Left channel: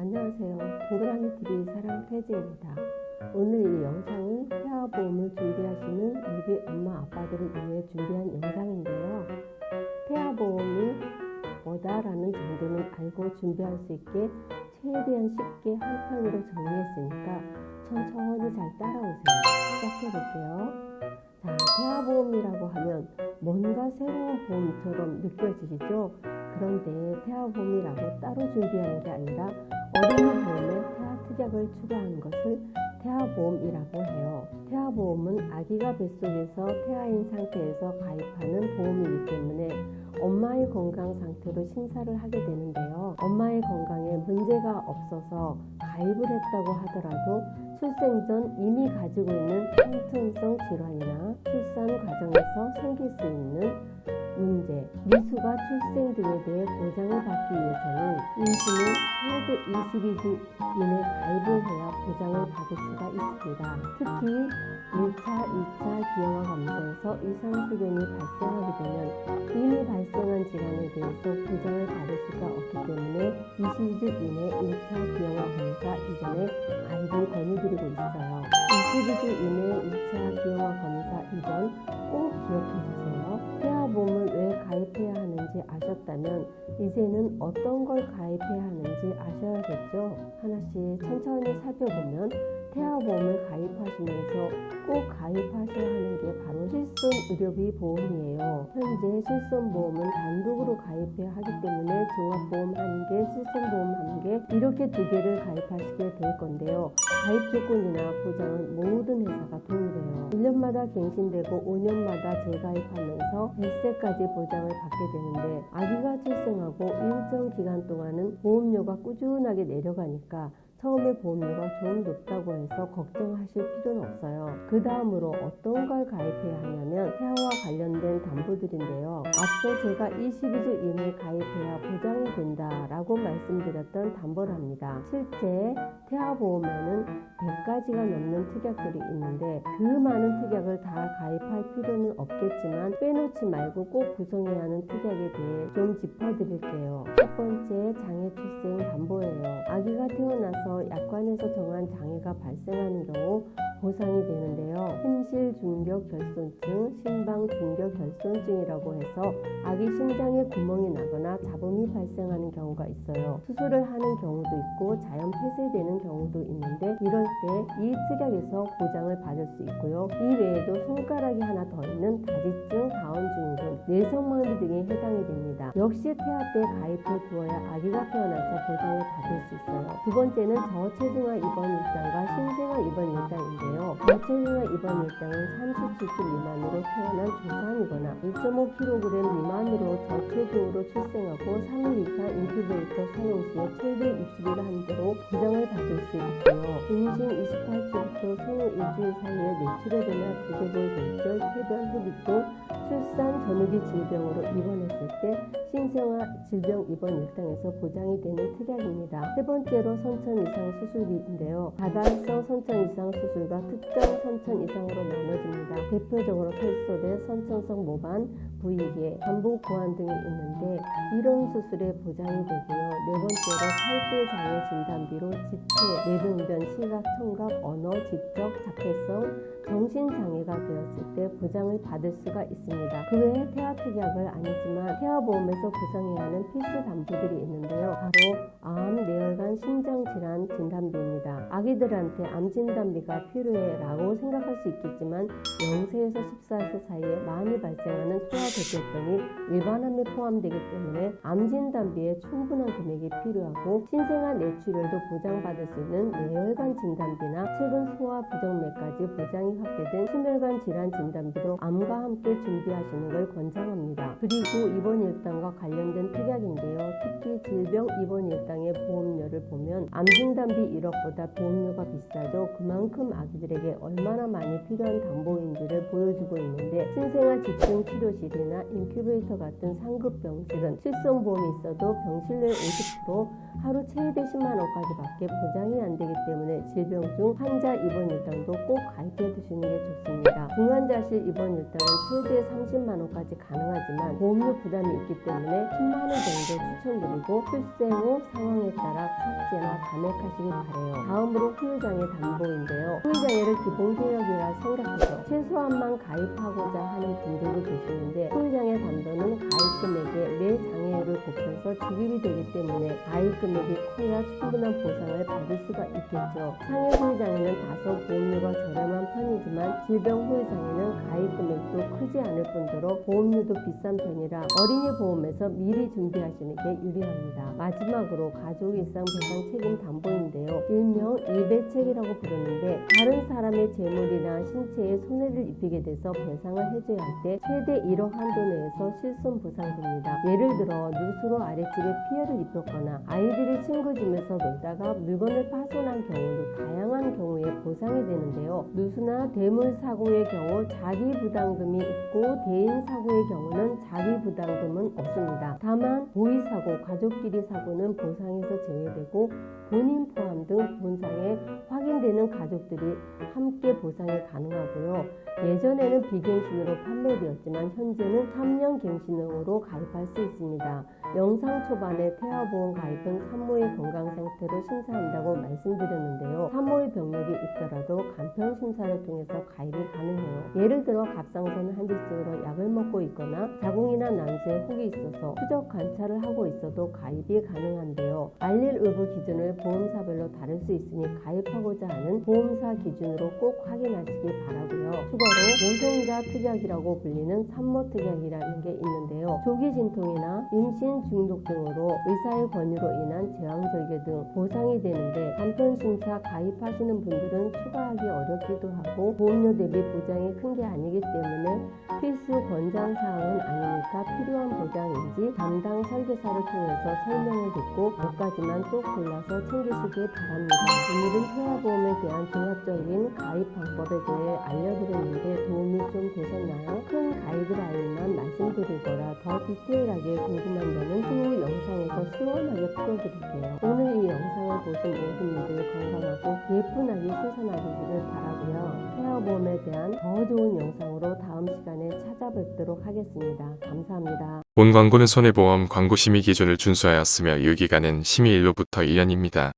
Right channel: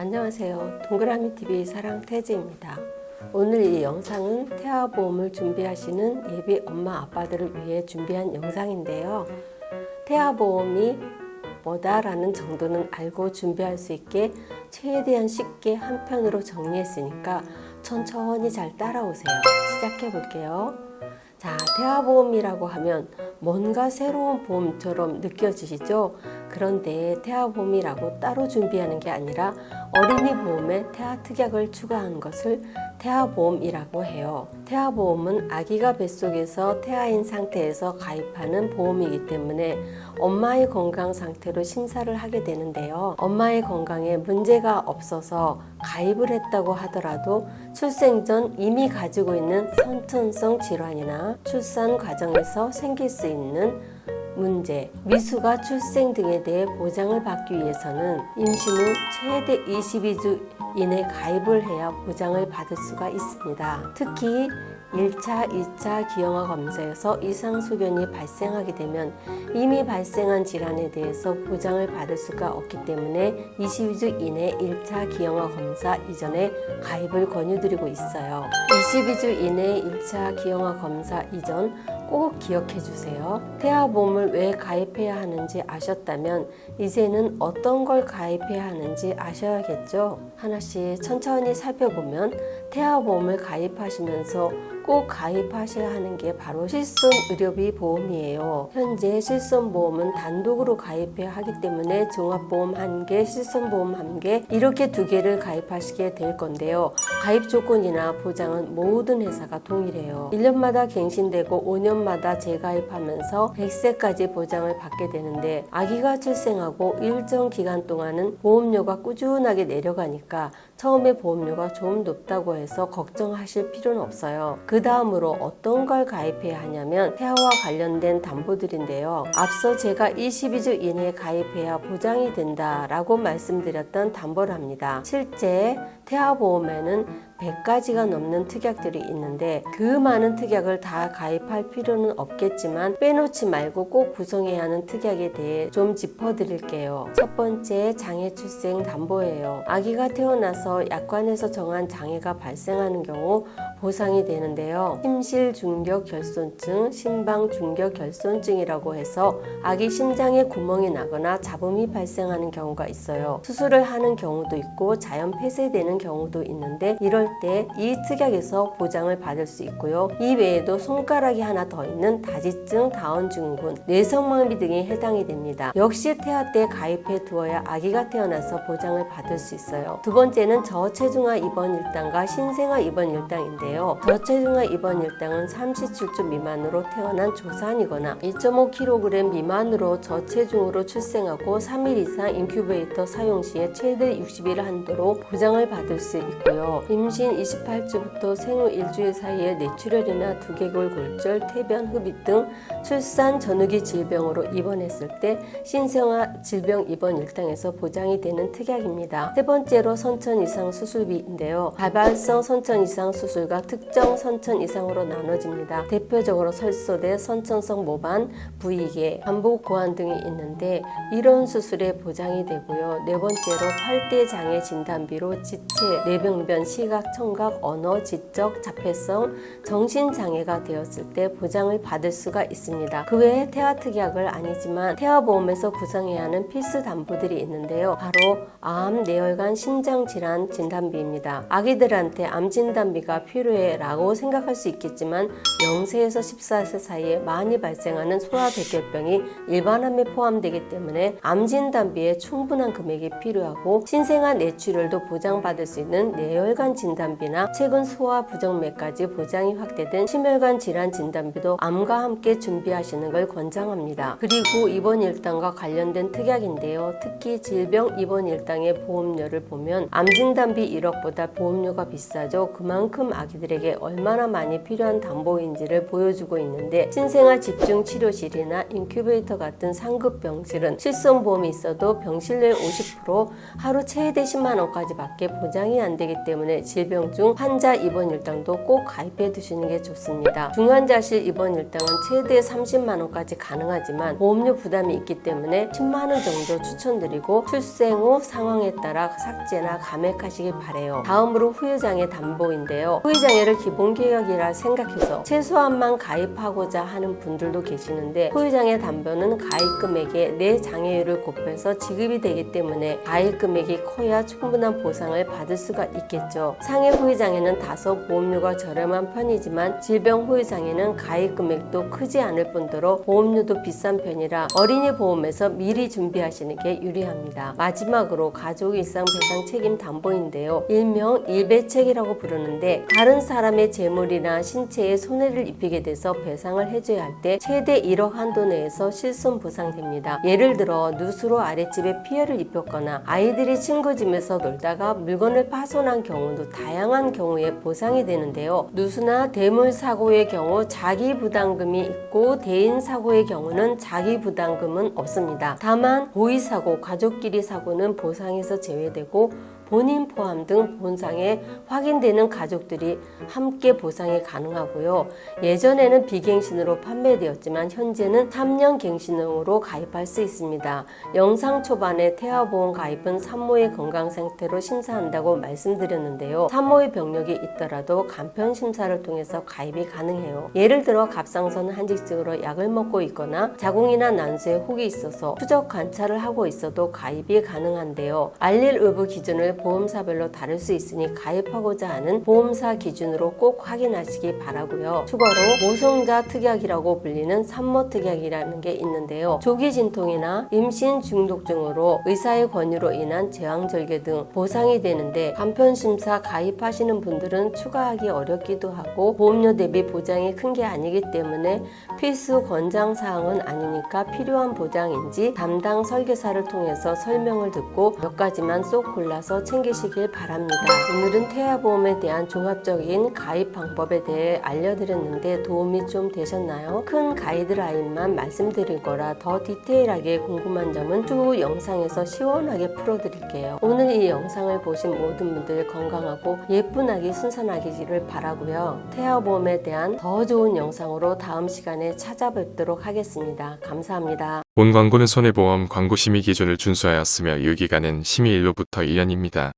안녕하세요. 동그라미TV 사랑태지입니다. 오늘 이 영상은 태아보험을 준비하시는 예비 엄마 아빠들을 위해 준비한 영상인데요. 태아보험이 뭐다라는 정도는 알고 준비할 수 있게 최대한 쉽게 한 편으로 정리했으니까 천천히 잘 따라오세요. 시작해 볼게요. 자, 태아보험이라고 하면 뭔가 새로운 보험처럼 느껴지시죠? 그런데 태아보험이라고 따로 준비하는 게 아니라 어린이 보험에 태아특약을 추가한 것을 태아보험이라고 해요. 태아보험은 아기가 뱃속에서 태아인 상태에서 가입하는 보험이기 때문에 엄마의 건강 상태로 심사를 하게 되는데요. 엄마의 건강에 문제가 없어서 가입을 했다고 하더라도 출생 전 이미 가지고 있는 선천성 질환이나 출산 과정에서 생길 수 있는 문제, 미숙아 출생 등에 대해 보장을 받기 위해서는 임신 후 최대 22주 이내 가입을 해야 보장을 받을 수가 있습니다. 특히 1차, 2차 기형아 검사에서 이상 소견이 발생하게 되면 이미 발생한 질환에 대해서 보장을 받을 수가 없기 때문에 22주 이내 1차 기형아 검사 이전에 가입을 권유드리고 있어요. 22주 이내 1차 기형아 검사 이전 꼭 기억해 주세요. 태아보험을 왜 가입해야 하는지 아셨다면 이제는 어떤 걸 가입해야 하는지 아셔야겠죠? 하나씩 천천히 살펴보면 태아보험을 가입하시면서 꼭 가입하셔야 하는 게 바로 실손의료비 보험이에요. 현재 실손보험은 단독으로 가입해야 하기 때문에 종합보험 1개, 실손보험 1개 이렇게 2개를 가입하시게 될 건데요. 가입 조건이나 보장은 모든 회사가 동일해요. 1년마다 갱신되고 5년마다 재가입하면서 100세까지 보장을 받게 되는데 아기가 출생하고 일정 기간 동안은 보험료가 꾸준하게 내려가니까 처음에 보험료가 좀 높다고 해서 걱정하실 필요는 없어요. 그 다음으로 어떤 걸 가입해야 하냐면 태아와 관련된 담보들인데요. 앞서 제가 22주 이내에 가입해야 보장이 된다라고 말씀드렸던 담보를 합니다. 실제 태아보험에는 100가지가 넘는 특약들이 있는데 그 많은 특약을 다 가입할 필요는 없겠지만 빼놓지 말고 꼭 구성해야 하는 특약에 대해 좀 짚어드릴게요. 첫 번째, 장애 출생 담보예요. 아기가 태어나서 약관에서 정한 장애가 발생하는 경우 보상이 되는데요. 심실중격결손증, 심방중격결손증이라고 해서 아기 심장에 구멍이 나거나 잡음이 발생하는 경우가 있어요. 수술을 하는 경우도 있고 자연 폐쇄되는 경우도 있는데 이럴 때 이 특약에서 보장을 받을 수 있고요. 이 외에도 손가락이 하나 더 있는 다지증, 다운증후군, 뇌성마비 등이 해당이 됩니다. 역시 태아 때 가입해 두어야 아기가 태어나서 보장을 받을 수 있어요. 두 번째는 저체중아 입원 일당과 신생아 입원 일당인데요. 저체중아 입원 일당은 37주 미만으로 태어난 조산이거나 2.5kg 미만으로 저체중으로 출생하고 3일 이상 인큐베이터 사용 시에 최대 60일 한도로 보장을 받을 수 있고요. 임신 28주부터 생후 1주일 사이에 뇌출혈이나 두개골 골절, 태변, 흡입 등 출산 전후기 질병으로 입원했을 때 신생아 질병 입원 일당에서 보장이 되는 특약입니다. 세 번째로 선천 이상 수술비인데요. 다발성 선천 이상 수술과 특정 선천 이상으로 나눠집니다. 대표적으로 설소대, 선천성 모반, 부위계, 반복 고환 등이 있는데 이런 수술에 보장이 되고요. 네 번째로 8대 장애 진단비로 지체, 뇌병변, 시각, 청각, 언어, 지적, 자폐성, 정신장애가 되었을 때 보장을 받을 수가 있습니다. 그 외에 태아특약을 아니지만 태아보험에서 구성해야 하는 필수 담보들이 있는데요. 바로 암, 뇌혈관, 심장질환 진단비입니다. 아기들한테 암 진단비가 필요해 라고 생각할 수 있겠지만 0세에서 14세 사이에 많이 발생하는 소아대결병이 일반암에 포함되기 때문에 암 진단비에 충분한 금액이 필요하고 신생아 뇌출혈도 보장받을 수 있는 뇌혈관 진단비나 최근 소아 부정맥까지 보장이 확대된 심혈관 질환 진단비도 암과 함께 준비하시는 걸 권장합니다. 그리고 입원 일당과 관련된 특약인데요. 특히 질병 입원 일당의 보험료를 보면 암 진단비 1억보다 보험료가 비싸죠. 그만큼 아기들에게 얼마나 많이 필요한 담보인지를 보여주고 있는데 신생아 집중 치료실이나 인큐베이터 같은 상급 병실은 실손보험이 있어도 병실내 50% 하루 최대 10만 원까지 밖에 보장이 안 되기 때문에 질병 중 환자 입원 일당도 꼭 가입해 두시는 게 좋습니다. 중환자실 입원 일당은 최대 30만 원까지 가능하지만 보험료 부담이 있기 때문에 10만 원 정도 추천드리고 출생 후 상황에 따라 삭제나 감액하시길 바래요. 다음으로 후유장애 담보인데요. 후유장애를 기본계약이라 생각해서 최소한만 가입하고자 하는 분들도 계시는데 후유장애 담보는 가입 금액에 내 장애율을 곱해서 지급이 되기 때문에 가입 금액이 커야 충분한 보상을 받을 수가 있겠죠. 상해 후유장애는 다소 보험료가 저렴한 편이지만 질병 후유장애는 가입 금액도 크지 않을 뿐더러 보험료도 비싼 편이라 어린이 보험에서 미리 준비하시는 게 유리합니다. 마지막으로 가족 일상 배상 책임 담보인데요. 일명 일배책이라고 부르는데 다른 사람의 재물이나 신체에 손해를 입히게 돼서 배상을 해줘야 할 때 최대 1억 한도 내에서 실손 보상됩니다. 예를 들어 누수로 아랫집에 피해를 입혔거나 아이들이 친구 집에서 놀다가 물건을 파손한 경우도 다양한 경우에 보상이 되는데요. 누수나 대물 사고의 경우 자기 부담금이 있고 대인 사고의 경우는 자기 부담금은 없습니다. 다만 고의 사고, 가족끼리 사고는 보상에서 제외되고 본인 포함 등 본상에 확인되는 가족들이 함께 보상이 가능하고요. 예전에는 비갱신으로 판매되었지만 현재는 3년 갱신으로 가입할 수 있습니다. 영상 초반에 태아보험 가입은 산모의 건강 상태로 심사한다고 말씀드렸는데요. 산모의 병력이 있더라도 간편 심사를 통해서 가입이 가능해요. 예를 들어 갑상선 한직증으로 약을 먹고 있거나 자궁이나 난수에 혹이 있어서 추적 관찰을 하고 있어도 가입이 가능한데요. 알릴 의무 기준을 보험사별로 다를 수 있으니 가입하고자 하는 보험사 기준으로 꼭 확인하시기 바라고요. 추가로 모성자 특약이라고 불리는 산모 특약이라는 게 있는데요. 조기 진통이나 임신 중독증으로 의사의 권유로 인한 제왕절개 등 보상이 되는데 간편심사 가입하시는 분들은 추가하기 어렵기도 하고 보험료 대비 보장이 큰 게 아니기 때문에 필수 권장사항은 아니니까 필요한 보장인지 담당 설계사를 통해서 설명을 듣고 몇 가지만 쏙 골라서 챙기시길 바랍니다. 오늘은 태아보험에 대한 종합적인 가입 방법에 대해 알려드렸는데 도움이 좀 되셨나요? 큰 가이드라인만 말씀드릴 거라 더 디테일하게 궁금한 점은 추후 영상에서 시원하게 풀어드릴게요. 오늘 이 영상을 보신 모든 분들 건강하고 예쁜 아기 순산하기를 바라고요. 태아보험에 대한 더 좋은 영상으로 다음 시간에 찾아뵙도록 하겠습니다. 감사합니다. 본 광고는 손해보험 광고 심의 기준을 준수하였으며 유기간은 심의 일로부터 1년입니다.